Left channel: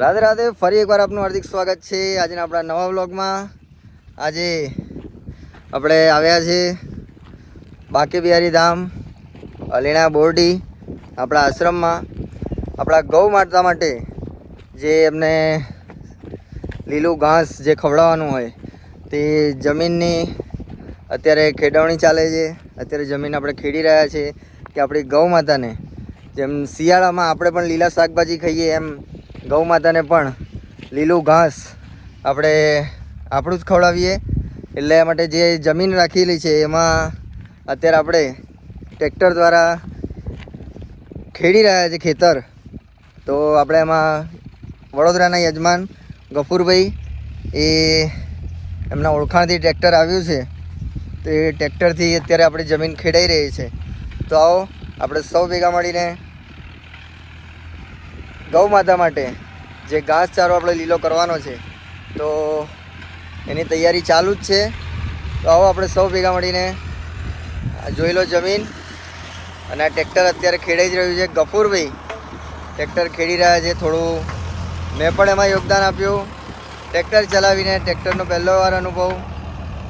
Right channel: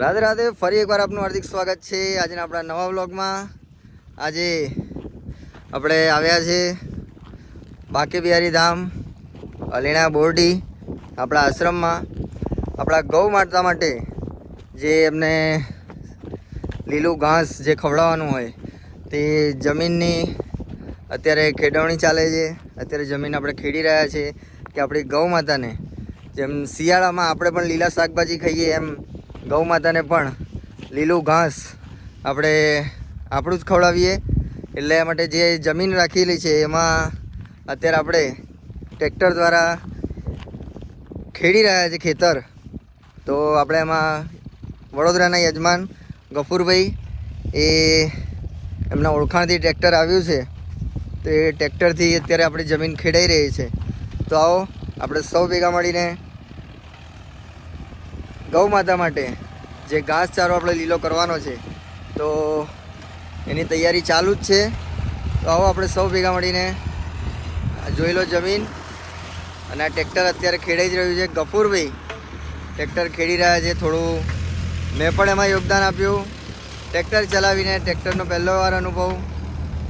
રાધે રાધે, ફરી એકવાર આપનું હાર્દિક સ્વાગત છે આજના આપણા નવા વ્લોગમાં. આજે આપણે આવ્યા છે બાંકે બિહારી ધામ અલીણા બોરડી આપણા આશ્રમમાં. આપણા ગૌ માતા માટે જે એમને લીલું ઘાસ જે ખવડાવવાનું હોય તે જમીનની અત્યારે ખેડવણી ચાલે છે. અત્યારે જમીન આપણે ખેડી રહ્યા છે કે આપણી ગૌ માતાને. જેમ શિયાળામાં આપણે પણ લીલા શાકભાજી ખાઈએ એમ ગૌ માતાને પણ લીલું ઘાસ આપણે આપણું જ ખવડાવીએ. એટલે માટે જે જમીન રાખેલી છે એમાં અત્યારે આપણે ટ્રેક્ટર દ્વારા ખેડી રહ્યા છે ખેતર. તો આપણે એમાં વડોદરાના યજમાન ગફુરભાઈ એ એમના ઓળખાણથી ટ્રેક્ટર આવ્યું છે. તો એ ટ્રેક્ટરથી અત્યારે આપણી જમીન ખેડાઈ રહી છે. તો આવો, આપણે સૌ ભેગા મળીને ગૌ માતા માટે જે ઘાસચારો આપણે લીલો કરવાનો છે, તો એની તૈયારી ચાલુ જ છે. તો આવો આપણે સૌ ભેગા મળીને જોઈ લો જમીન. અને આ ટ્રેક્ટર અત્યારે ખેડાઈ જ રહ્યું છે. ગફુરભાઈ ટ્રેક્ટર ખેડી રહ્યા છે થોડું. મેં પણ એમાં યોગદાન આપ્યું. ટ્રેક્ટર ચલાવીને ટ્રેક્ટરનો પહેલો વાર અનુભવ.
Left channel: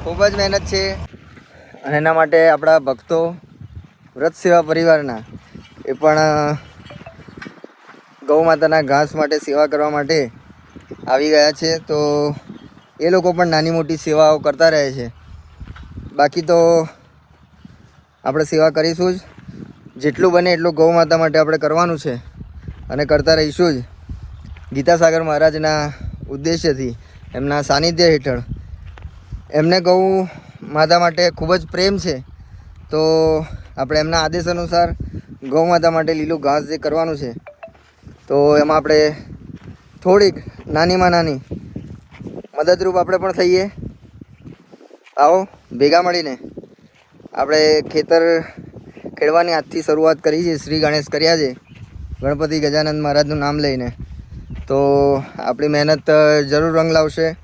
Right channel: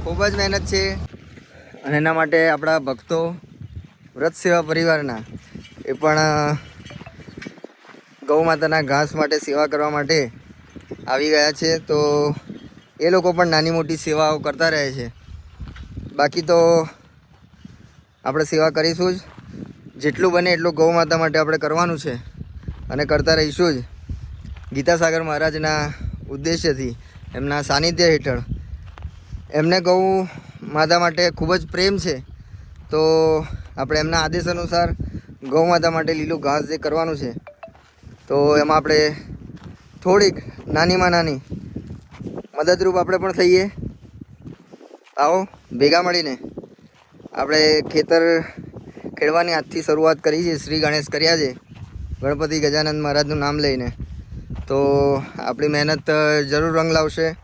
ખૂબ જ મહેનત છે. અને એના માટે આપણા ભક્તો, વ્રત સેવા પરિવારના, એ પણ ગૌ માતાના ઘાસ માટે સેવા કરવા માટે આવી ગયા છે. તો એ લોકો પણ નાની મોટી સેવાઓ કરતા રહે છે. બાકી તો આપણે સેવા કરીશું જ. જેટલું બને એટલું ગૌ માતા માટે આપણે કરવાનું છે અને કરતા રહીશું જ. ગીતાસાગર મહારાજના ઉદ્દેશ્યથી, એમના સાનિધ્ય હેઠળ. એમને ગૌ માતા માટે ખૂબ જ પ્રેમ છે. તો આપણે એમના આદેશ અનુસાર ગૌ માતા માટે લીલું ઘાસ જે કરવાનું છે તો એમાં આપણે થોડીક નાનીમાં નાની મદદરૂપ આપણે પણ થઈએ. આવો, ભેગા મળીને. આપણે ખેતર ખેડવાની આજથી શરૂઆત કરી છે, શ્રી ગણેશ કર્યા છે, ગણપતિ ગજાનંદ મહારાજનું નામ લઈને. તો આપણી મહેનત જરૂર રંગ લાવશે.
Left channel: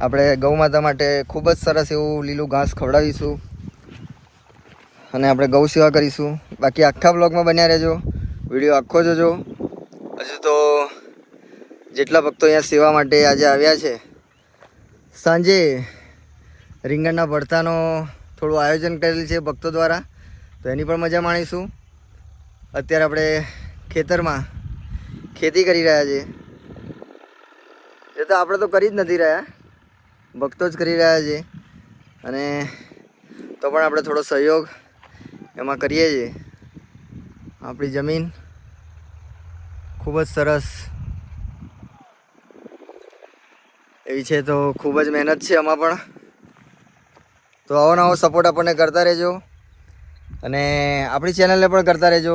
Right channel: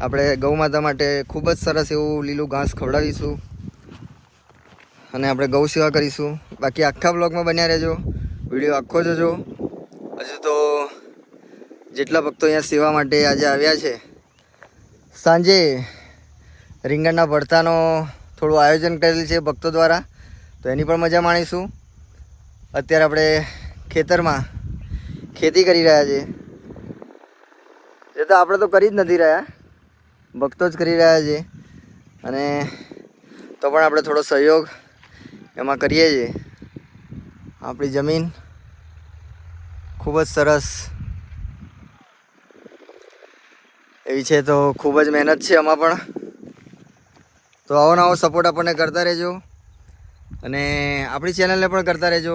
આપણે ગૌ માતા માટે ખૂબ જ સરસ એવું લીલું ઘાસ ખવડાવીશું. અને આપણે ગૌ સેવા કરીશું. બાકી આખા બ્લોગમાં બન્યા રહેજો. વીડિયો આખો જોજો. હજુ તો જેટલા ભક્તો અહીંયા સેવા માટે આજે આવ્યા છે. સાંજે રીંગણના ભરતાનો થોડું આયોજન કરેલ છે ભક્તો દ્વારા, તો એની પણ મજા માણીશું. અત્યારે આપણે ખેતરમાં ખેતી કરી રહ્યા છીએ એ તો આપણે તો કરી જ નથી રહ્યા, ભક્તો જ કરી રહ્યા છે. અને તો પણ આપણે થોડો સહયોગ એમાં કરીએ છીએ. આપણી જમીન ખૂબ જ સરસ. એવી છે તો ખૂબ જ મહેનત છે આમાં પણ. તો આવો નવો સપોર્ટ આપણને કરતા રહેજો. અને આપણી ચેનલને પણ કરતા રહેજો.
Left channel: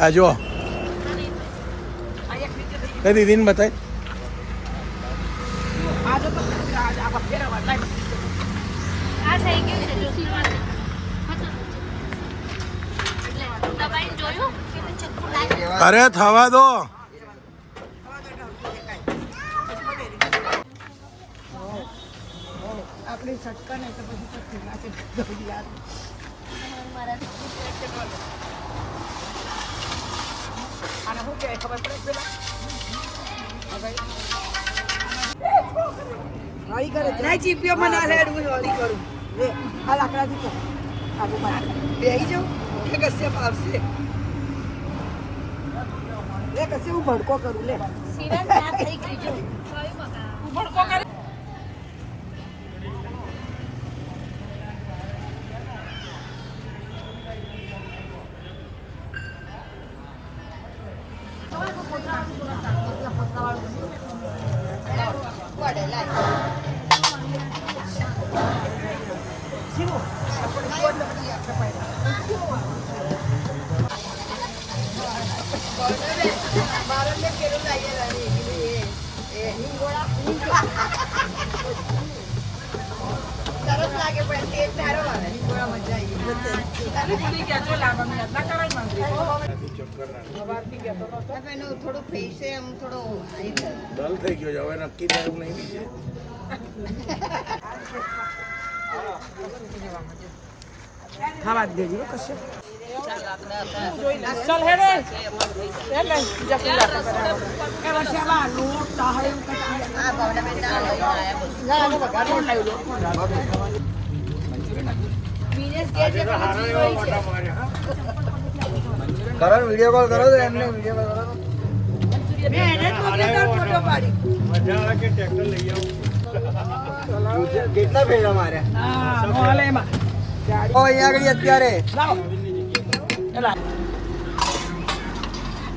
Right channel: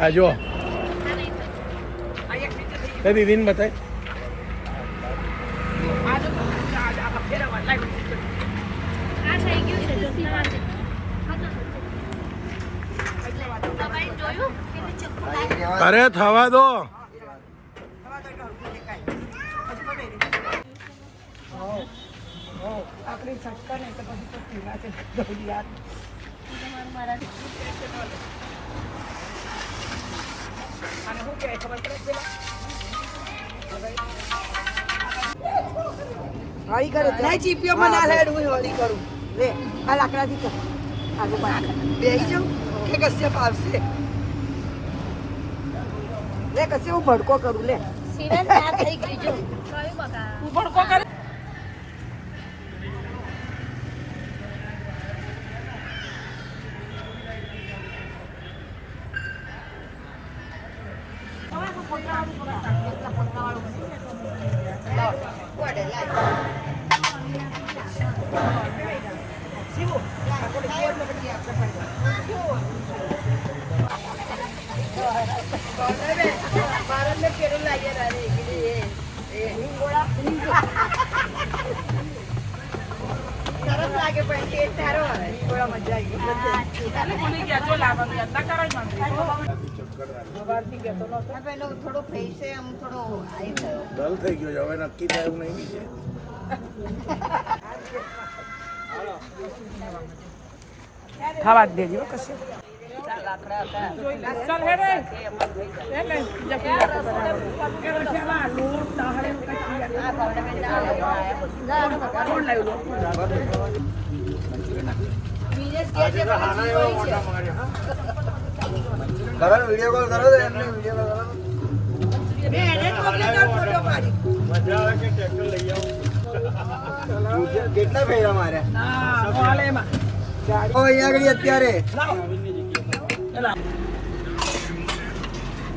આ જો. તે દીદીને બતાય. અરે થવા દો. આપણી છટકા ને તો પછી યાદ અને શું કહેવાય ખબર પડે પેલા? હળી કરે. ચીપીઓમાં ના હળી કરું. બેસી જાઉં? કે કશે પાવશે લે કશે હું ભડકો કરું લે. ભડકો કર. ડલ થઈ ગયો છે હવે નક્કી થાય એવું નહીં બીજે. ખાવા દેજો કશે. કરો વીડિયો કોલ કરો તો એમને વીડિયો કોલ કેટલા ફેરા માર્યા ઓ અહીંયા આગળ અત્યારે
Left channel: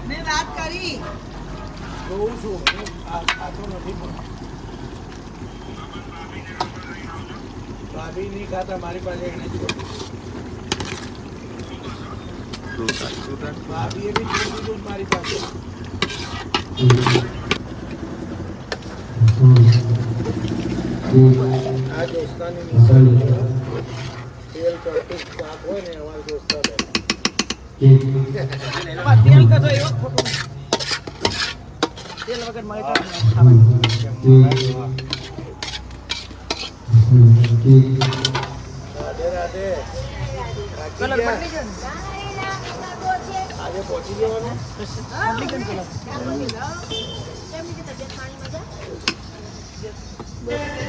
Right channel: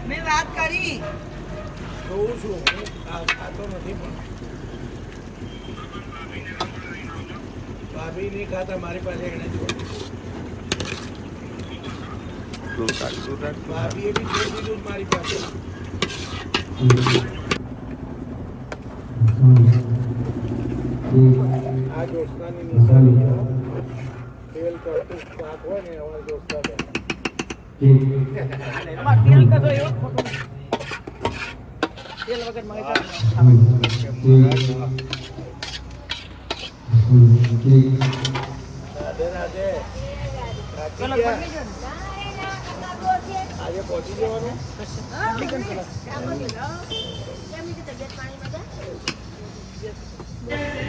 મેં વાત કરી જોઉં છું હું આ ખાતો નથી પણ ભાભી નહીં ખાતા મારી પાસે એને જ બોલું. ભાભીએ બી જોઈ દીધું મારી પાસે. આ દોસ્તાની નિશાની તેલ કરતું હોય ને અમારા દોસ્તા જવાનું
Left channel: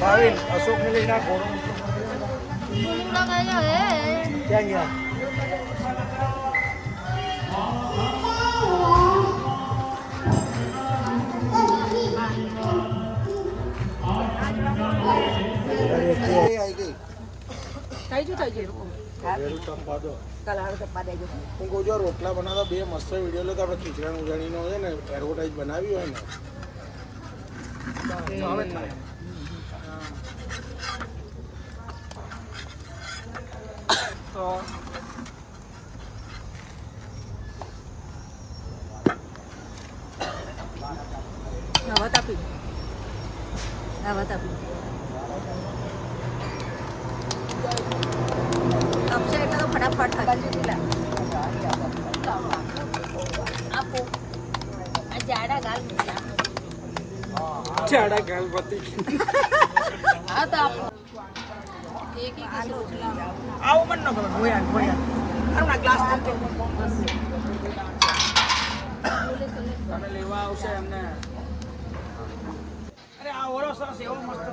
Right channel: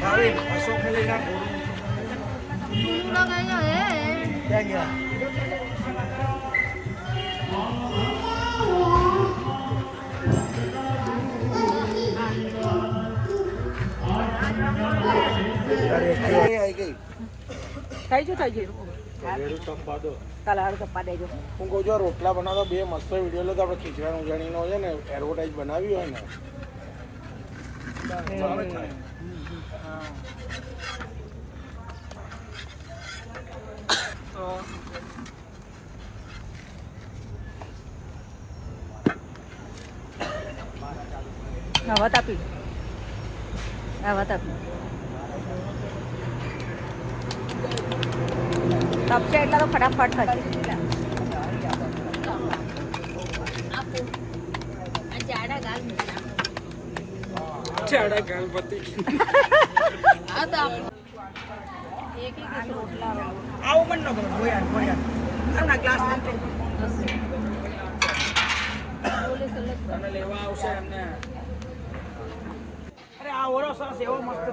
ભાવિક અશોક ને લઈને આ ઘોડો મૂકતો ક્યાં ગયા થઈ ગયું થઈ ગયું હું કહું છું રોટલા બનાવતા બે મસ્ત વીડિયો લેતા આપણે ખીચડા ઉજાણીનો છે ને એડવર્ટાઇઝ બનાવી હોય ને તો હવે થાય હવા તાપી તપશે એટલે તો ફટાફટ થશે ચાડા ગાલ પતિ આવું પણ ન ના ગ્લાસ તને લેવા આવશે એમને આ ઓળો સોસ એવો મસ્ત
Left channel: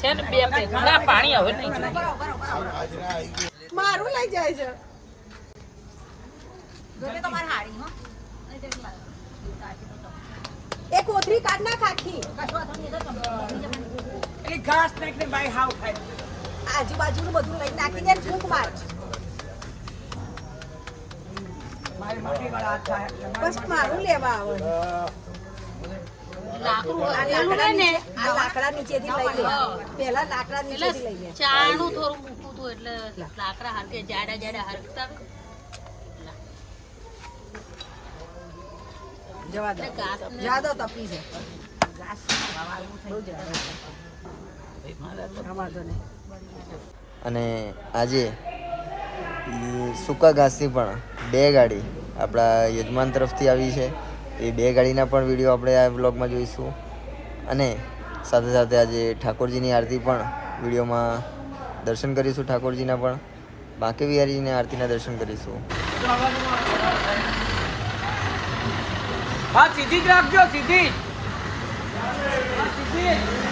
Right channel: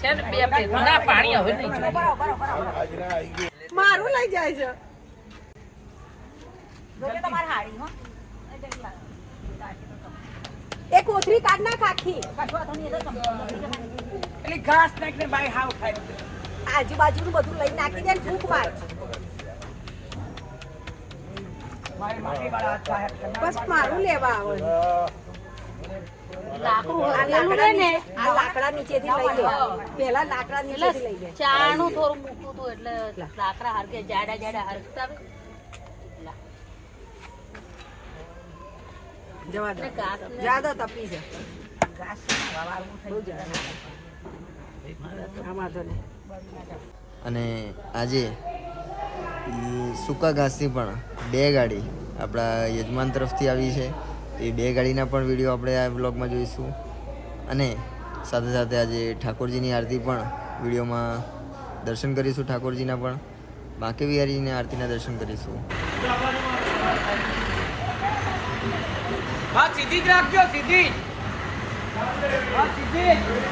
છે. ને બે પ્લેટ ના પાણી હવે નહીં મારું લઈ જાય છે. એક કોથળી કાઢ ના પેલી ઘાસ નાખીને બાય હાવ ખાય. આજુબાજુનું બધું લઈ નાખી દે ભૂખ વાર બસ મારું લેવા આવો. આ લાકડા લાકડા નીચેથી લઈ લે. પેલા લાકડા નીચેથી લઈ લે. ચાનું થોડું મૂકવું હતું એટલે લાકડા હારકે જાડા જાડા હરકતા જવા દો. તપી છે બહુ જાડો અને આજે સૂકા ઘાસની પણ બે ગાડી આપણા યજમાન તરફથી આવી છે. એ બે ગાડીના પણ વીડિયો આપણે આ બ્લોગમાં જોઈશું. અને સાથે સાથે આજે ઠાકોરજીની આરતી પણ વિડીયોમાં દર્શન કરીશું ઠાકોરજીના પણ. બાંકે બિહારીની આરતીના દર્શન કરીશું. હા, સીધી જ રાખજો, સીધી. સીધી.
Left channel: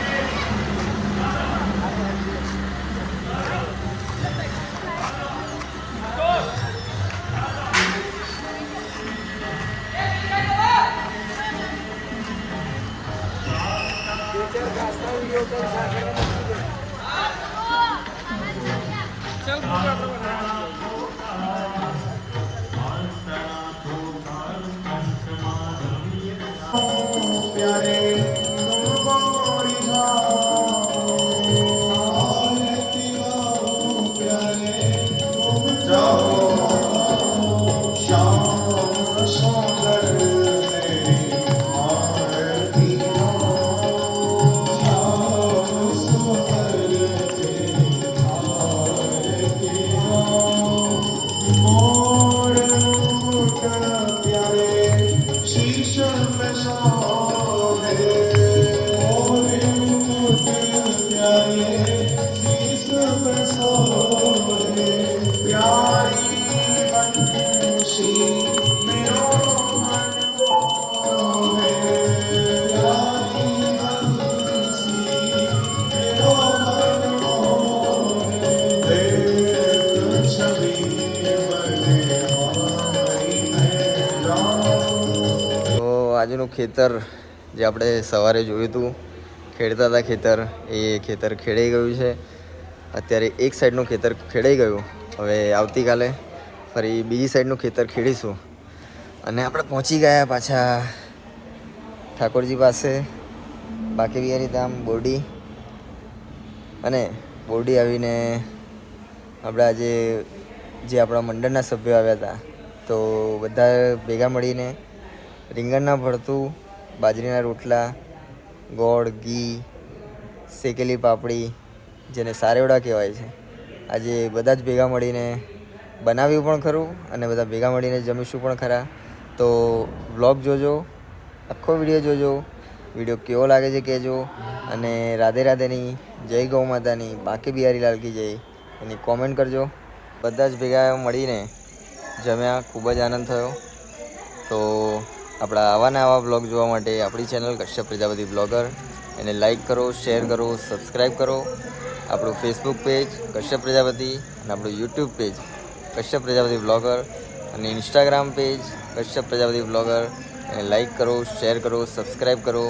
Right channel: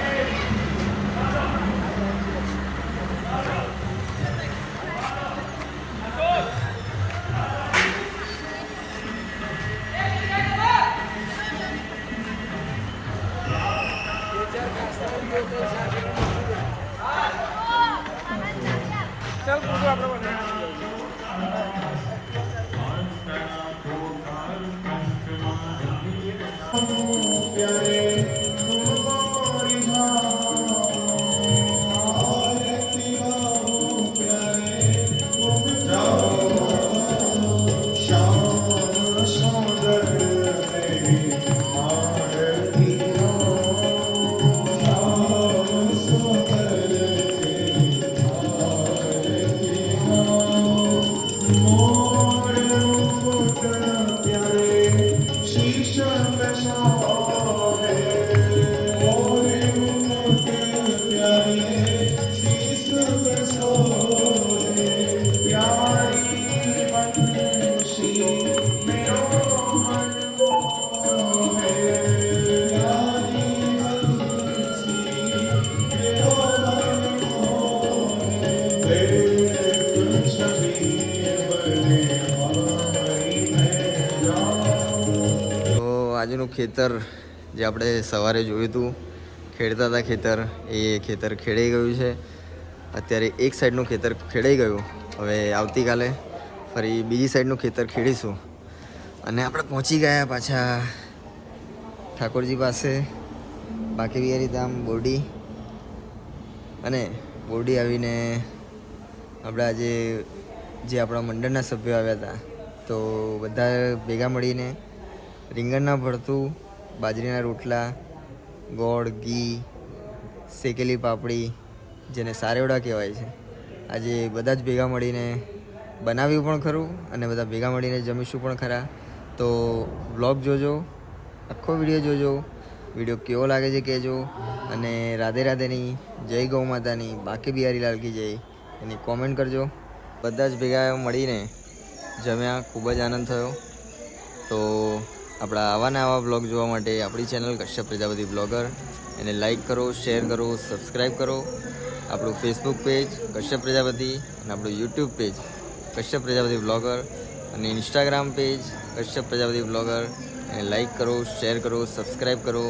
Thank you. ખેતર જે આપણે સવારે જોયું હતું, ખેડતા હતા ખેતર, એ ખેતર ખેડાઈ ગયું છે. અત્યારે એક સાઈડનું ખેતર ખેડાઈ ગયું. હવે આવતીકાલે ફરી બીજી સાઈડનું ખેતર ખેડીશું. અને આપણે પહોંચી ગયા પાછા ઠાકોરજી પાસે. બાકી બિહારી ધામ બોરડી અને બોરડી આવીને આપણા આજે જે આપણા મંડળના સભ્યો આવ્યા હતા, તો બધા ભેગા મળીને રીંગણના ભરતું, બાજરીના રોટલા, ગોળ, ઘી, શેકેલી પાપડી, જેને સારેવડા કહેવાય છે. આજે બધા જ ભેગા મળીને બનાવ્યું પણ ખરું અને બધા ભેગા મળીને જમીશું પણ ખરા. તો વ્લોગ જોજો, આખો વીડિયો જોજો, વીડિયો કેવો લાગે છે કહેજો. અને રાધે રાધેની જય ગૌ માતાની બાકી બિહારી લાલકી જય, એની કોમેન્ટ કરજો. બધા જ ભેગા મળીને જમ્યા, ખૂબ જ આનંદ થયો. તો આપણા આવા આવા બ્લોગ જોવા માટે આપણી ચેનલ કશ્યપ પ્રજાપતિ બ્લોગર એને લાઈક કરો શેર કરો સબસ્ક્રાઈબ કરો. આપણું ફેસબુક પેજ કશ્યપ પ્રજાપતિ અને આપણું YouTube page Kashyap Prajapati blogger અને Instagram page Kashyap Prajapati blogger એને લાઈક કરો શેર કરો સબસ્ક્રાઈબ કરો.